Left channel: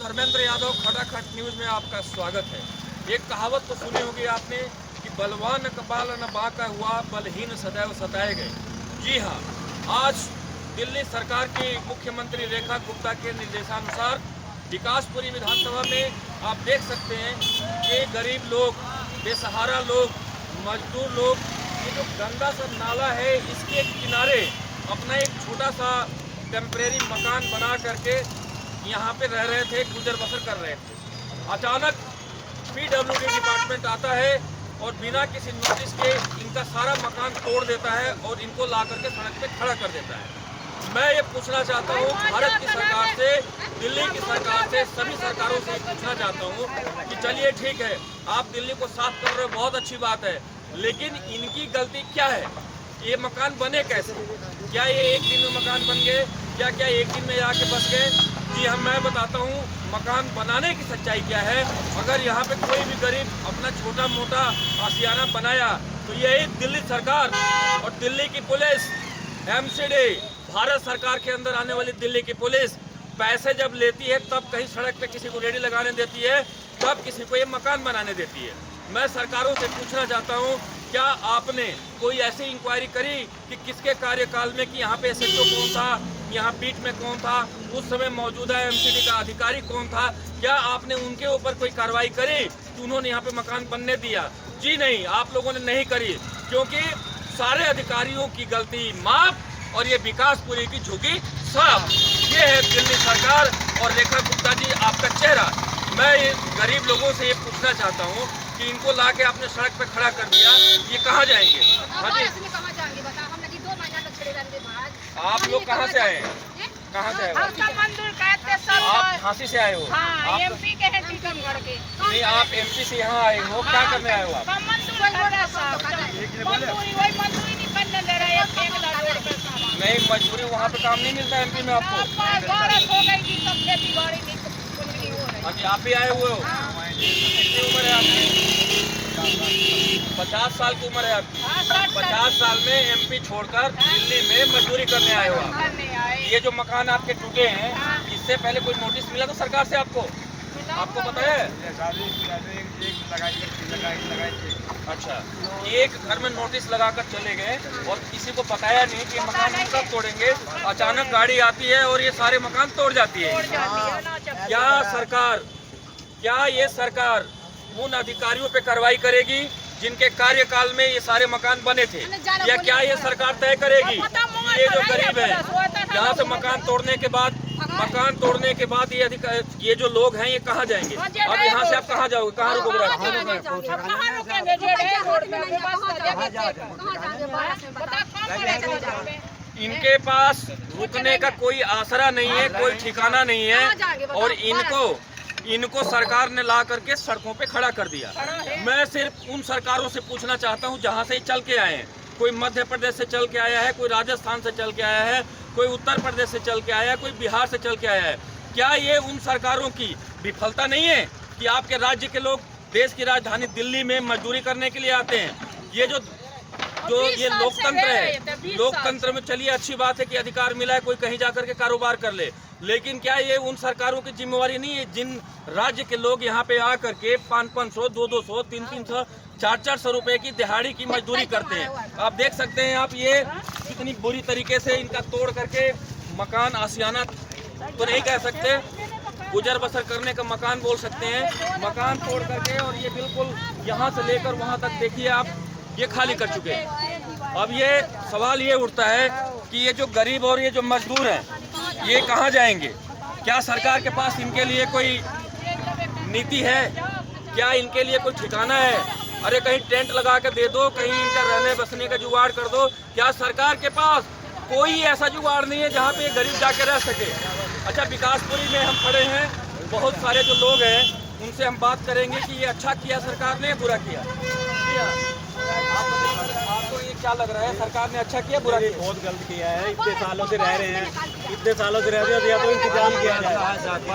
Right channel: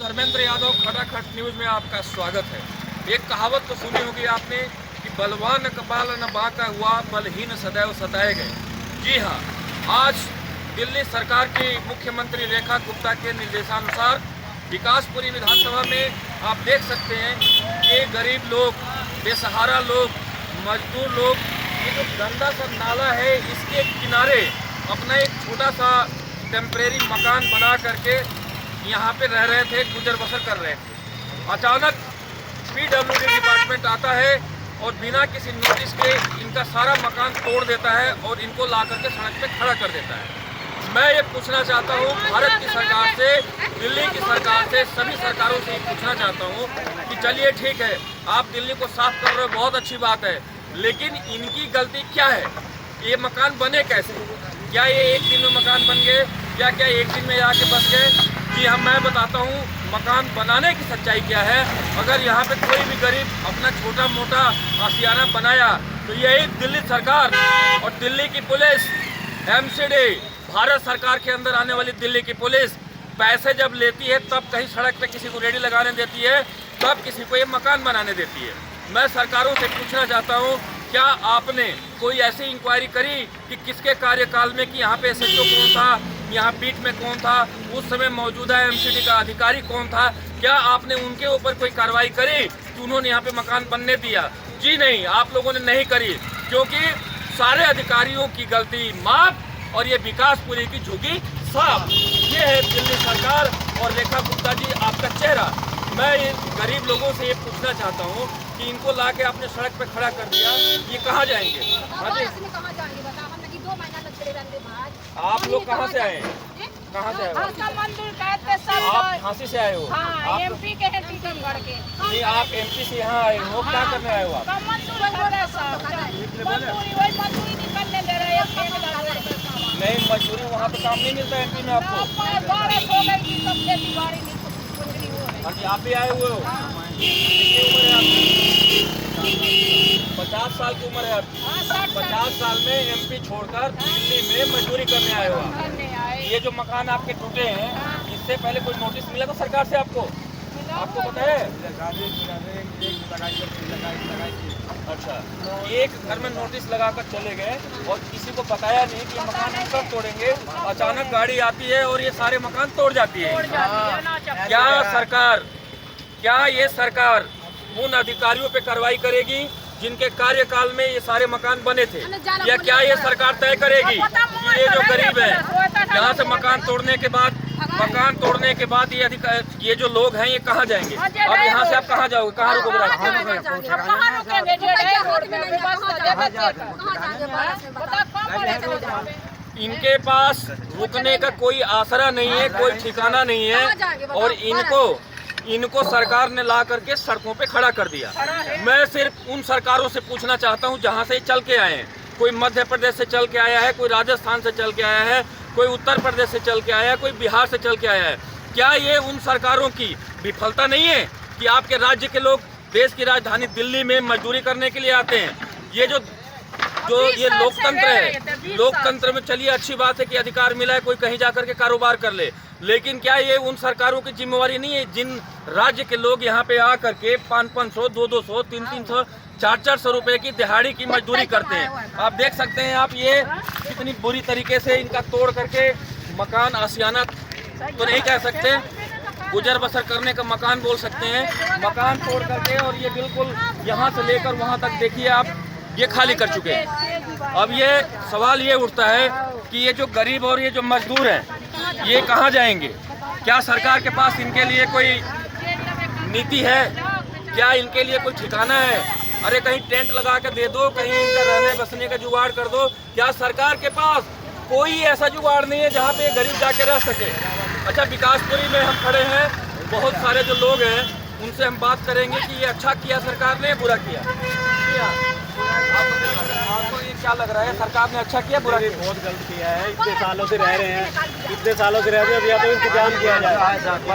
Dharmendra Yadav खटाखट news में आपका स्वागत है। एक कहावत तो सुनी होगी आपने कि बलवान कपाल न बांका हुआ, बलहीन सदैव सताए गए। जी हाँ, आज दिल्ली सरकार की मुख्यमंत्री रेखा गुप्ता के निर्देशानुसार विकासपुरी विधानसभा में आप देख सकते हैं कि गरीब लोग, बेसहारा लोग, मजदूर लोग, ये जो गंदा सा नाला है इसके किनारे अपना एक छोटा सा टेम्परेरी मकान बना करके यहाँ पे रह रहे थे, गुजर बसर कर रहे थे। अचानक PWD डिपार्टमेंट आता है और बिना किसी नोटिस के इनका सारा मकान तोड़ देता है और इनको ला करके सड़क पे खड़ा कर देता है। मैं ये पूछना चाहता हूँ भारत की सरकार से, दिल्ली की सरकार से, सभी सरकारों से ये पूछना चाहता हूँ कि चलिए ठीक है, आप दिल्ली को साफ कर रहे हो, बहुत अच्छी बात है, लेकिन इनकी गलती क्या है? ये मकान बने कैसे? क्या ये एक दिन में मकान बन गए? क्या एक दिन में आके बस गए? जी हाँ, मैं बताता हूँ मकान बनाने की सच्चाई क्या है। अगर यहाँ पे कोई भी गरीब अपना छोटा मोटा आशियाना बनाया तो यही दिल्ली सरकार और दिल्ली की पुलिस, MCD, भारत सरकार के अंदर आने वाली दिल्ली की पुलिस पैसे जब लेती है तब कहीं सड़क पे किसी को रेडी लगाने देती है, तब किसी को ये मकान बनाने देती है। मैं सरकारों से पूछना चाहता हूँ, क्या आपने कोई ऐसी इंक्वायरी करी कि किसके कार्यकाल में कि यहाँ पे SHO कौन था, यहाँ बीट में कौन था, उस समय मौजूदा MCD का अधिकारी कौन था? क्या आपने उनके ऊपर कोई कार्रवाई करी कि उन्होंने यहाँ पे मकान बनने दिया? जी नहीं, आप लोगों ने नहीं करी, क्योंकि सारे अधिकारियों की गलती माफ और ये विकासपुरी की झुकी साफ। ये है दिल्ली सरकार और रेखा गुप्ता जी आपका चेहरा। मैं गरीब लोगों से ये पूछना चाहता हूँ कि इनको ला के आपने सड़क पे खड़ा कर दिया, ये कहाँ जाएंगे? हाँ जी, आप लोग कहाँ से आए हैं? कहाँ से आए हो? आप झांसी से आए हो? आप MP के हैं, टीकमगढ़ के। नहीं, आप MP से यहाँ आए हो, क्या करने आए हो आप? नहीं, मजदूरी वहाँ पे काम नहीं मिलता MP में आपको? हाँ जी, आप भी आए हुए हो? कितनी उम्र है आपकी? 50 साल की उम्र है आपकी। 50 साल में MP छोड़कर दिल्ली में मजदूरी करने आए हो आप। ये जो मकान आपके टूटे हैं, इससे पहले कोई नोटिस मिला था सरकार से आपको? आपको पता है? अच्छा, एक घर में नोटिस लगाकर चले गए और किसी को बताया नहीं कि ये मकान हम कब तोड़ेंगे। अचानक गाड़ी आती है और ये सारे मकान तोड़ जाती है। क्या ये सरकार उन अधिकारियों पे कार्रवाई करेगी जिनके कार्यकाल में ये सारे मकान बने थे, या क्या ये सरकार तय करेगी कि ये जो गरीब है यहाँ से मकान तोड़ने के बाद ये जो लोग हैं ये कहाँ जाएंगे? अब यहाँ से आप कहाँ जाओगे? कहाँ रुकोगे? इनके पास रुकने का कोई आसरा नहीं है, कोई ठिकाना नहीं है, और इनको सरकार ने ला करके सड़कों पे खड़ा कर दिया। मैं सिर्फ उन सरकारों से पूछना चाहता हूं जहां से चल के आए हैं। कोई मध्य प्रदेश से चल के आया है, कोई राजस्थान से चल के आया है, कोई उत्तर प्रदेश से चल के आया है, कोई बिहार से चल के आया है। क्या ये उन सरकारों की विफलता नहीं है कि आपके राज्य के लोग देश की राजधानी दिल्ली में मजदूरी करने के लिए आते हैं? ये जो ये लोकतंत्र है, लोकतंत्र में चलिए अच्छी बात है कि अधिकार मिला है, कोई कहीं जाकर के कारोबार कर ले, लेकिन क्या ये उन सरकारों की जिम्मेवारी नहीं है जिन राज्य के लोग यहाँ पे आकर के 500, 200, 300, 400 रुपए की दिहाड़ी की मजदूरी करते हैं? आप देख सकते हैं, आप ये कितनी बुरी तरीके से इनका तोड़ करके मकान, आशियाना तो नहीं कह सकते, गुजर बसर करने का मकान बोल सकते हैं, मकान तोड़ करके, और ये बिल्कुल यहाँ से लेकर वहाँ तक देखिए आप ये खाली कर चुके हैं। अब ये सवाल ये उठता है कि ये जो गरीब और ये जो मजदूर हैं ये कहाँ जाएंगे? क्या सरकार के पास इनके लिए कोई नीति है? क्या इनके लिए कोई ठिकाना है? अरे कहीं टेंट लगा के दे दो, कहीं इनका रहने बसने का जुगाड़ कर दो। क्या सरकार के पास कोई ऐसा जुगाड़ नहीं है जहाँ पे गरीब जाके रह सके? अच्छा, विकासपुरी में हम खड़े हैं, बहुत सारे जो लोग हैं उनसे हम बात करेंगे कि ये अच्छा किया सरकार ने, बुरा किया। आपको ये क्या लग रहा है, सरकार ने अच्छा किया, बुरा किया? बहुत गलत किया है। इतने सालों से रह रहे हैं, इतने सालों से रहते हैं, या तो इंतजाम किया जाए।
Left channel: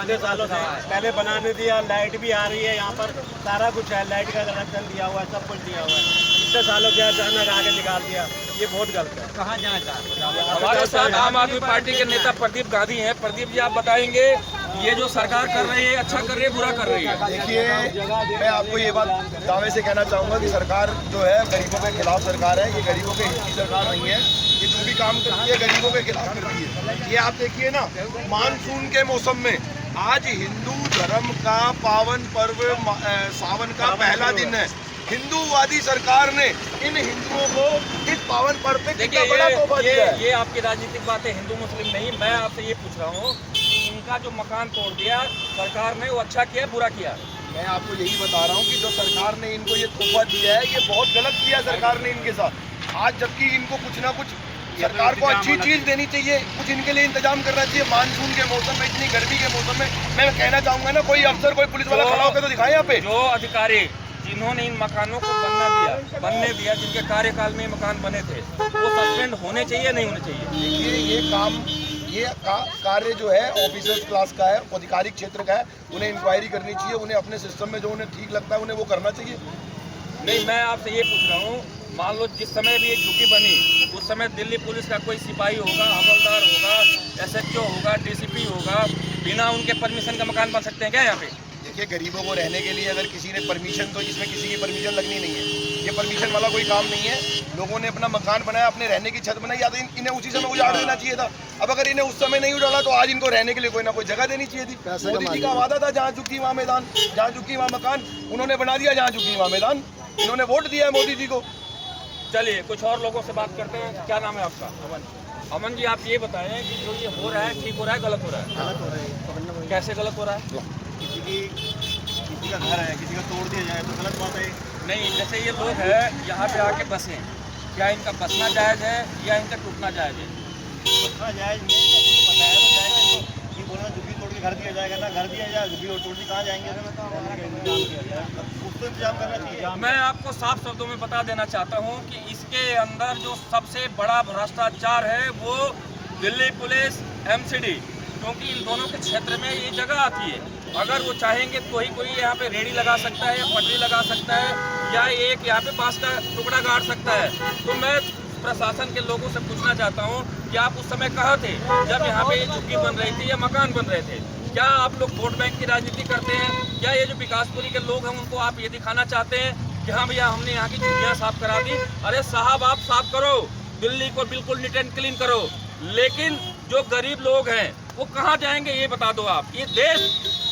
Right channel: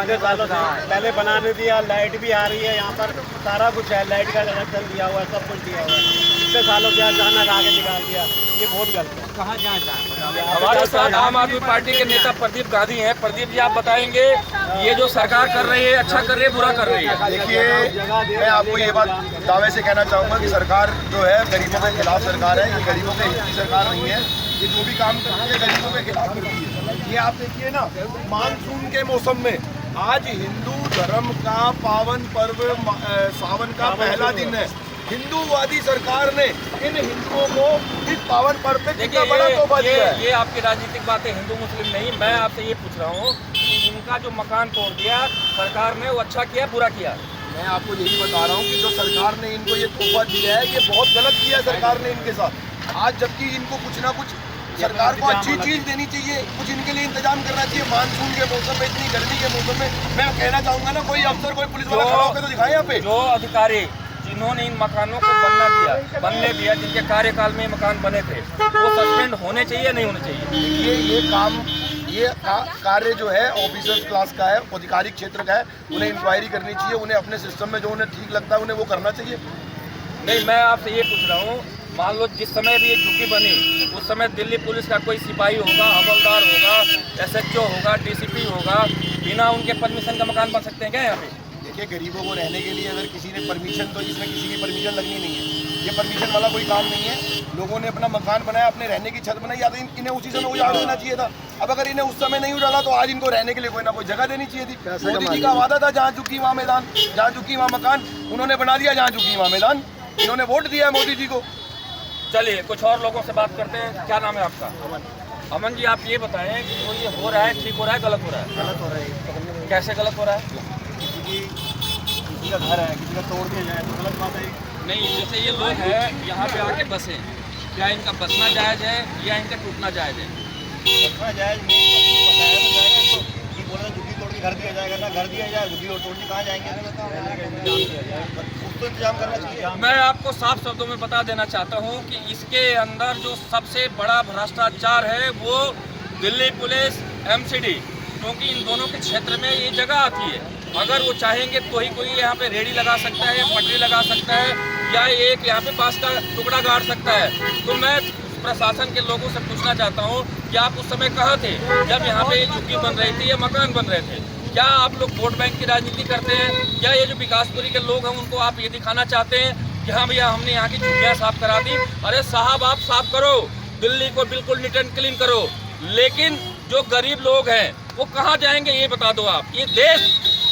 इतने सालों से पहले बनाने दिया, लाइट भी आ रही है, यहाँ पर सारा कुछ है, लाइट का कनेक्शन दिया हुआ है, सब कुछ दिया हुआ है। इतने सालों से अचानक आगे निकाल दिया, ये बहुत गलत है। कहाँ जाना चाहते हमारे साथ आम आदमी पार्टी के नेता प्रदीप गांधी हैं। प्रदीप जी, आप बताएंगे ये जो सरकार कर रही है, अच्छा कर रही है, बुरा कर रही है? देखिए, मैं आपको ये बात दावे से कहना चाहूँगा कि सरकार जो है गरीबों के खिलाफ सरकार है। ये गरीबों के हित की सरकार नहीं है। ये जो भी काम करती है गरीबों के खिलाफ करती है। ये आप देखिए ना, मानसून के मौसम में आज हिंदू धर्म का पावन पर्व सावन का पहला दिन है। हिंदूवादी सरकार ने इन हिंदुओं को इस पावन पर्व पे कितना बड़ा तोहफा दिया है। ये आपकी राजनीतिक बातें, हिंदू मुस्लिम नहीं। मैं आपसे ये पूछ रहा हूँ कि इनका जो मकान तोड़ दिया सरकार ने, वो अच्छा किया बुरा किया? मैं आपको यही बता रहा हूँ कि जो सरकार ने इनको ये तोहफा दिया है, ये बहुत गलत किया है सरकार ने इनके साथ। आज जबकि इनको कुछ ना कुछ सरकार को अच्छी चीज देनी चाहिए, कुछ इनके लिए इंतजाम करना चाहिए। मानसून के मौसम में, इतनी गर्मी के मौसम में मैं कहना चाहूँगा ना, कोई अफसर, कोई पुलिस वाला खड़ा होकर तो दिखाए यहाँ पे। जो अधिकारी जिन्होंने इन मकानों को बनने दिया, जिनके कार्यकाल में ये मकान बने थे, वो सस्पेंड होने चाहिए, नहीं होने चाहिए? ये कार्य जो है ऑफिसर्स क्लास का है, आधिकारिक क्षेत्र का है। उन्हें इंक्वायरी करनी चाहिए, उन्हें अपने सिस्टम में जो उन्हें ठीक लगता है उन्हें वो करना चाहिए। नहीं, मैं आपसे ये पूछ रहा हूँ, मान लो जिस समय भी ये झुग्गी बनी, उस समय दिल्ली पुलिस का कोई सिपाही होगा, हवलदार होगा, SHO होगा, DCP होगा, बिना उनके परमिशन का मकान बन सकते हैं क्या यहाँ पे? देखिए, गरीबों को रहने के लिए अगर किसी ने परमिशन, तो इसमें किसी की परमिशन लगनी नहीं है। ये परमिशन वाला कोई काम नहीं है। लोगों ने अपना मकान बनाया, अपने रहने की छत बनाई, या तो इन्हें उसी समय उजाड़ देना चाहिए था। अब अगर इन्हें उस समय नहीं उजाड़ा तो आज इनको रहने के लिए कोई ना कोई जगह देनी चाहिए थी। मोदी जी का वादा था, जहाँ झुग्गी वहाँ मैदान, जहाँ झुग्गी वहाँ मकान। उन्होंने बना दिया जहाँ झुग्गी वहाँ मैदान। इन्होंने वोट दिया है मोदी जी को। चलिए कुछ और लोगों से बात करते हैं। क्या नाम है आपका? अमन जी, आप ये बताएं कि जो ये हो रहा है, ठीक हो रहा है, गलत हो रहा है? गलत हो रहा है। कैसे गलत हो रहा है? किसी का घर है, किसी का तोड़ दिया जाए तो गलत बात है। नहीं, जैसे ये लोग हैं यहाँ पे आके बसे, क्या इनका बसना जायज़ है या इनका टूटना जायज़ है? बसना जायज़ नहीं, बताया तो जाएगा इनको। ये बोल रहा झुग्गी तोड़ के घर दिया जाएगा, ना घर दिया जाए, झुग्गी और तोड़ के कहाँ जाएंगे? उसको इंतजाम करना चाहिए। मैं आपको साफ शब्दों में बता देना चाहता हूँ कि इसके अंदर जो सबसे बड़ा भ्रष्टाचार है वो दिल्ली पुलिस, MCD, क्योंकि इन दोनों के क्षेत्र में ये जगह आती है। अगर वो चाहेंगे तो ही कोई यहाँ पे रेडी लगा सकता है, पटरी लगा सकता है, या एक यहाँ पे बांस का टुकड़ा गाड़ सकता है। तो मैं प्रशासन के लोगों से पूछना चाहता हूँ कि आप उस समय कहाँ थे जब यहाँ पे ये झुग्गी बन रही थी या मकान बन रहे थे? क्या आप लोग वोट बैंक की राजनीति करते हैं? क्या ये जो विकासपुरी के लोग हैं उनको आप ये दिखाना चाहते हैं कि हाँ भैया हमने यहाँ की झुग्गियाँ साफ करा दी? अरे साहब, आप साफ करो, दिल्ली को बिल्कुल नीट एंड क्लीन करो, लेकिन जो गरीब लोग हैं वो कहाँ जाएंगे ये बता दो आप। ये देश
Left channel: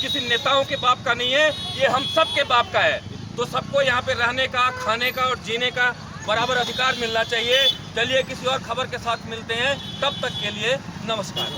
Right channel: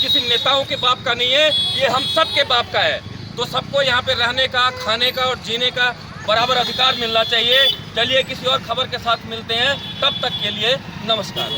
किसी नेताओं के बाप का नहीं है, ये हम सब के बाप का है। तो सबको यहाँ पे रहने का, खाने का और जीने का बराबर अधिकार मिलना चाहिए। चलिए किसी और खबर के साथ मिलते हैं, तब तक के लिए नमस्कार।